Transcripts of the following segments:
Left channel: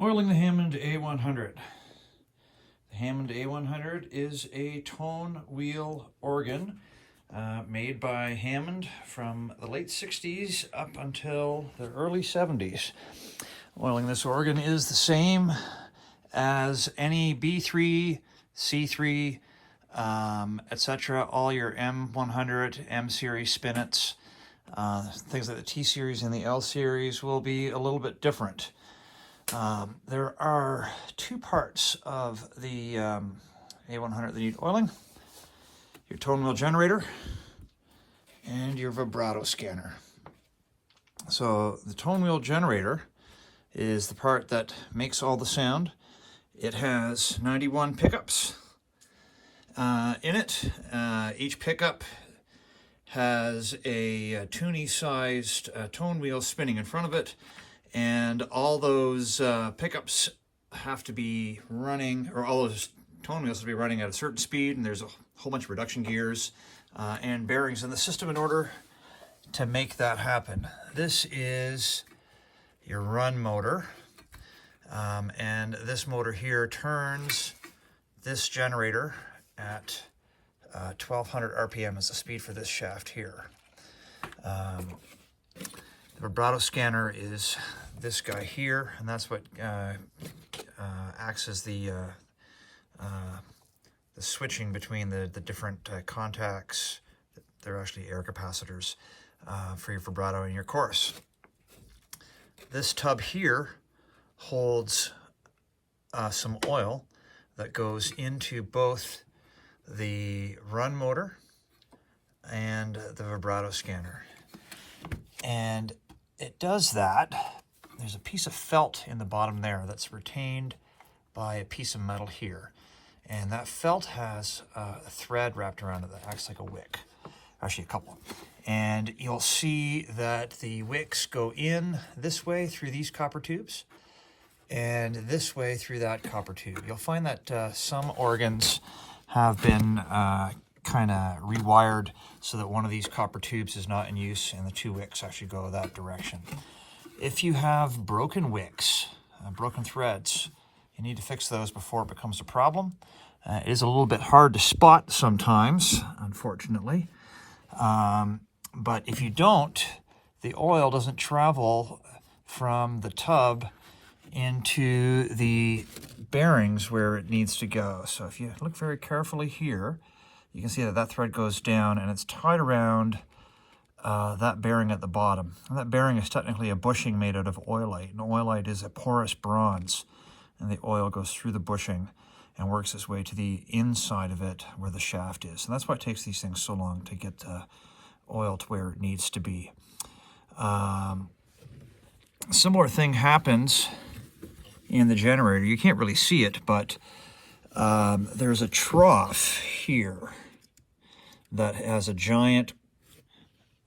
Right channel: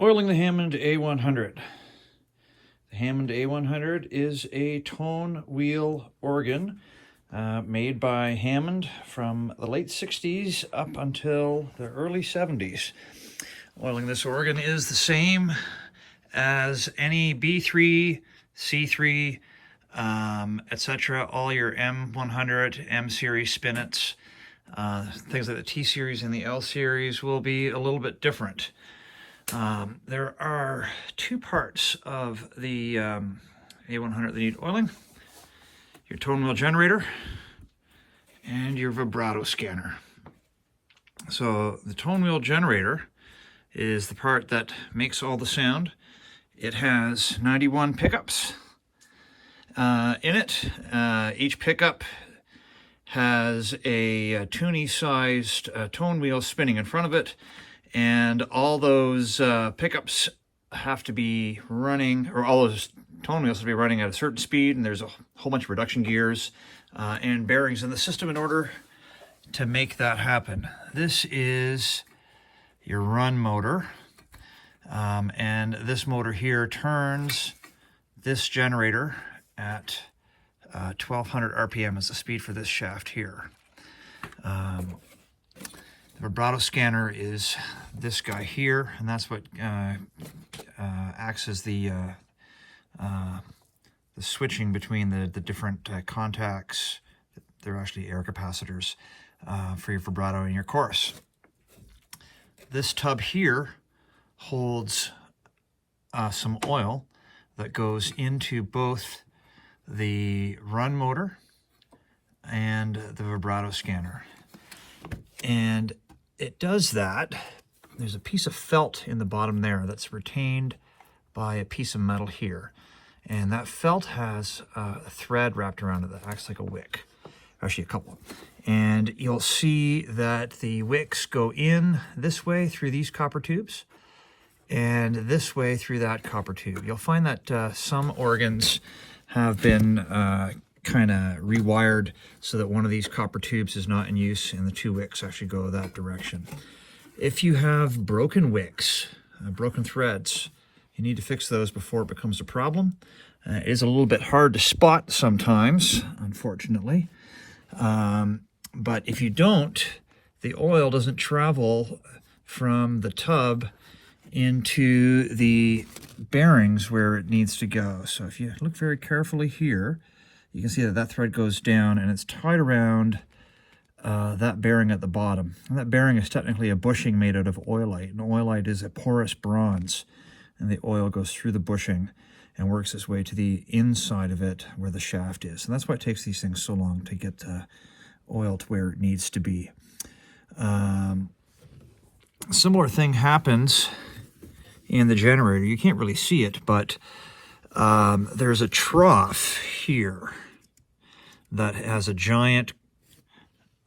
Oiling the Hammond A100. The Hammond A100 is a tone wheel organ made by Hammond from the late 60s up until the early 70s. Oiling this organ is the same as any B3, C3, etc. All your M100, M series spinets, things like the T series and the L series will be a little bit different. There are two parts of the A100 that need oiling: your tone wheel generator and your vibrato scanner. So the tone wheel generator is the part that makes all the sound. It has 91 pickups in it. Each pickup has a toonie-sized tone wheel spinning in front of it, and all those pickups have to be running, or all those tone wheels have to be running at a certain speed, and there's a whole bunch of reduction gears and bearings in the system in order to make that happen. This is your run motor, and this motor here turns this generator at 1200 RPM is the speed for this shaft here. The vibrato scanner is this guy here, and that's what acts as the switching between the different contacts. They're actually air capacitors for your vibrato and your chorus. This tub here holds some oil that goes into both the run motor and the vibrato scanner. And it does that. There's a piece of felt in the bottom there that's retained by a piece of metal here. And that felt has a thread wrapped around it that acts like a wick. Actually, a couple. And you'll see that the wicks go in this way through these copper tubes and this way through that copper tube. You'll find that some organs have been kind of rewired so that one of these copper tubes is not in use and the two wicks actually go that direction. If you have broken wicks, broken threads, you need to fix those before it becomes a problem. It is a little bit hard to spot sometimes, unfortunately. But if you don't, the oil doesn't travel from the tub into the bearings where it needs to go. So if you look very carefully here, you can see that that thread goes down and it's tied around that bearing at the bottom. And that bearing is technically a bushing made out of oilite. And oilite is a porous bronze, and the oil goes through the bushing and works its way to the inside of it where the shaft is. And that's why it takes these things so long to get oil to where it needs to be. Similar thing happens in the generator. You can't really see it, but there's a trough here that has a giant,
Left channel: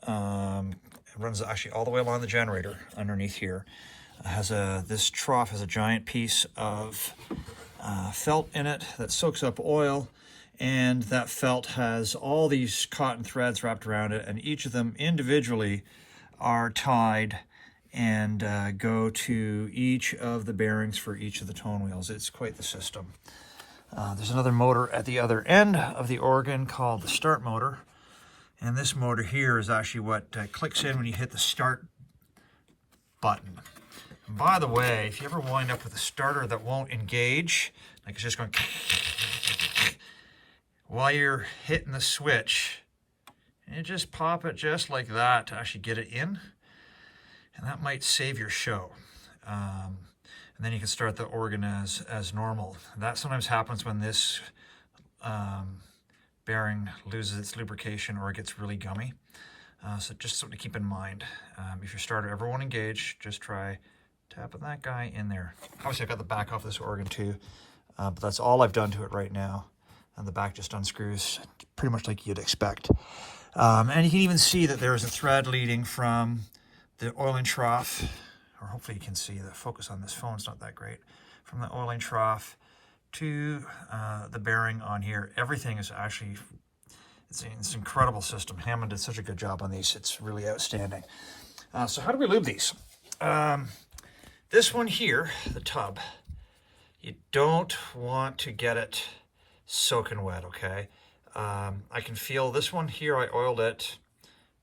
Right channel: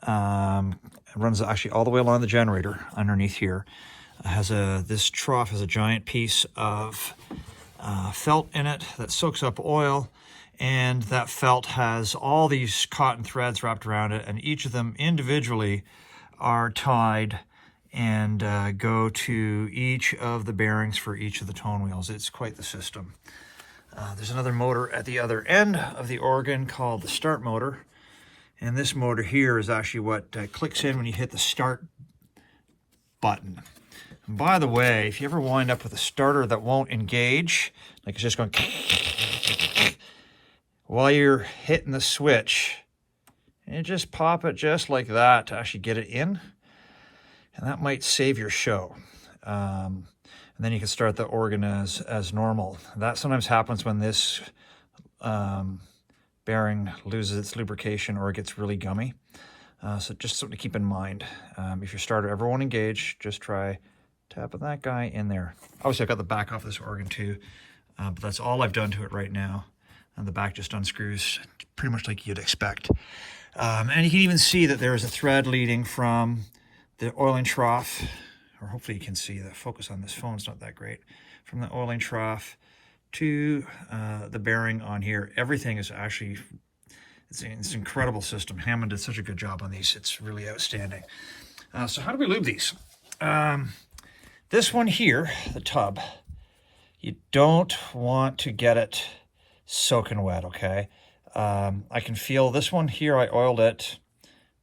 it runs actually all the way along the generator underneath here. This trough has a giant piece of felt in it that soaks up oil, and that felt has all these cotton threads wrapped around it, and each of them individually are tied and go to each of the bearings for each of the tone wheels. It's quite the system. There's another motor at the other end of the organ called the start motor, and this motor here is actually what clicks in when you hit the start button. And by the way, if you ever wind up with a starter that won't engage, like it's just going while you're hitting the switch, you just pop it just like that to actually get it in, and that might save your show. And then you can start the organ as normal. That sometimes happens when this bearing loses its lubrication or it gets really gummy. So just something to keep in mind. If your starter ever won't engage, just try tapping that guy in there. Obviously, I've got the back off this organ too, but that's all I've done to it right now. And the back just unscrews pretty much like you'd expect. And you can even see that there is a thread leading from the oiling trough, or hopefully you can see the focus on this phone is not that great, from the oiling trough to the bearing on here. Everything is actually, it's an incredible system. Hammond did such a good job on these. It's really outstanding. So how do we lube these? This one here, the tub, you don't want to get it soaking wet, okay? I can feel this one here, I oiled it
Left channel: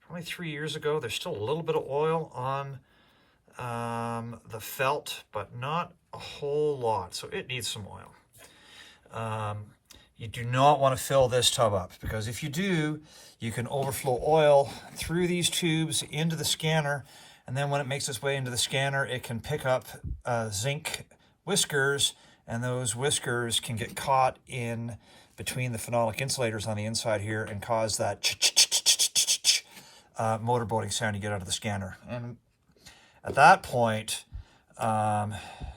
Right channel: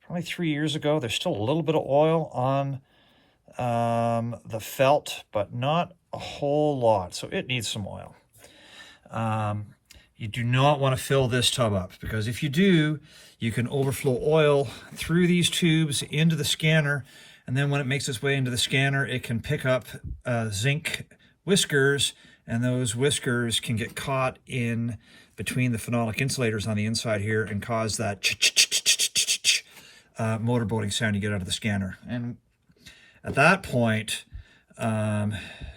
probably 3 years ago. There's still a little bit of oil on the felt, but not a whole lot, so it needs some oil. You do not want to fill this tub up, because if you do, you can overflow oil through these tubes into the scanner, and then when it makes its way into the scanner, it can pick up zinc whiskers, and those whiskers can get caught in between the phenolic insulators on the inside here and cause that motorboating sound you get out of the scanner. And at that point,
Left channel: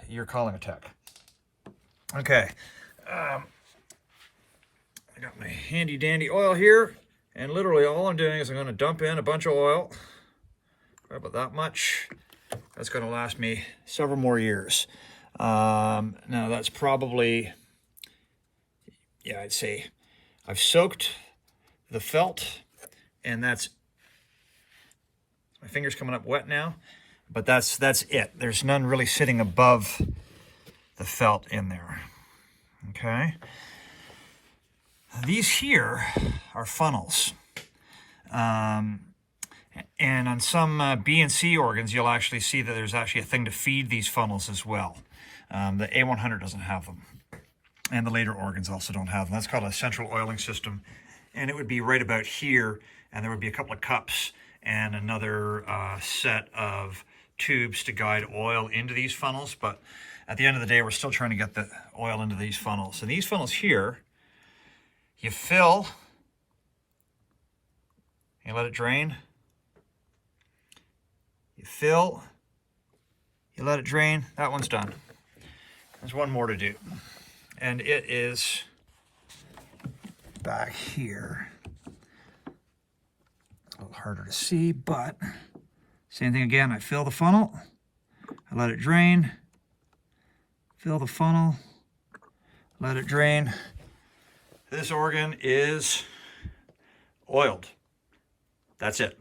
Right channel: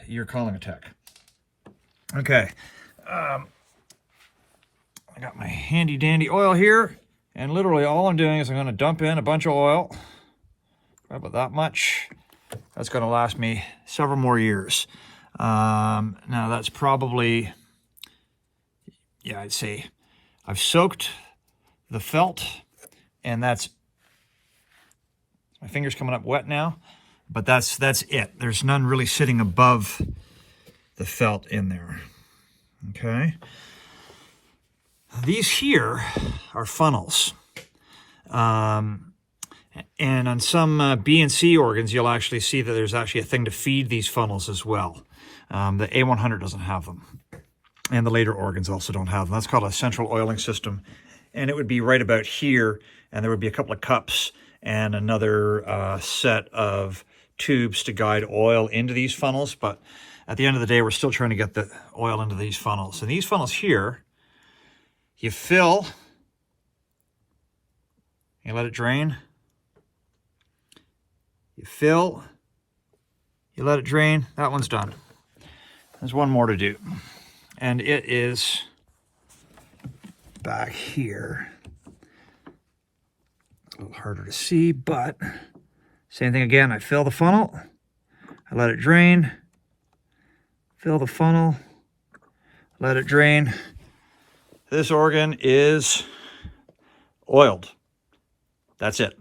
you're calling a tech. Okay, I got my handy dandy oil here, and literally all I'm doing is I'm going to dump in a bunch of oil, about that much. That's going to last me several more years. Now that's probably, yeah, I'd say I've soaked the felt, and that's, my finger's coming up wet now, but that's it. There's none really sitting above the felt in there. Okay. These here are funnels. And on some B and C organs, you'll actually see that there's actually a thing to feed these funnels as well. The A100 doesn't have them. And the later organs also don't have them. That's called a central oiling system. And it would be right about here, and there would be a couple of cups and another set of tubes to guide oil into these funnels. But at the end of the day, we're still trying to get the oil into these funnels. And these funnels here, you fill, you let it drain. You fill, you let it drain. That one's done. There's one more to do. And it is back here. A little harder to see, but same thing again. I fill the funnel, I let it drain, fill the funnel, let it drain. This organ is oiled. That's it.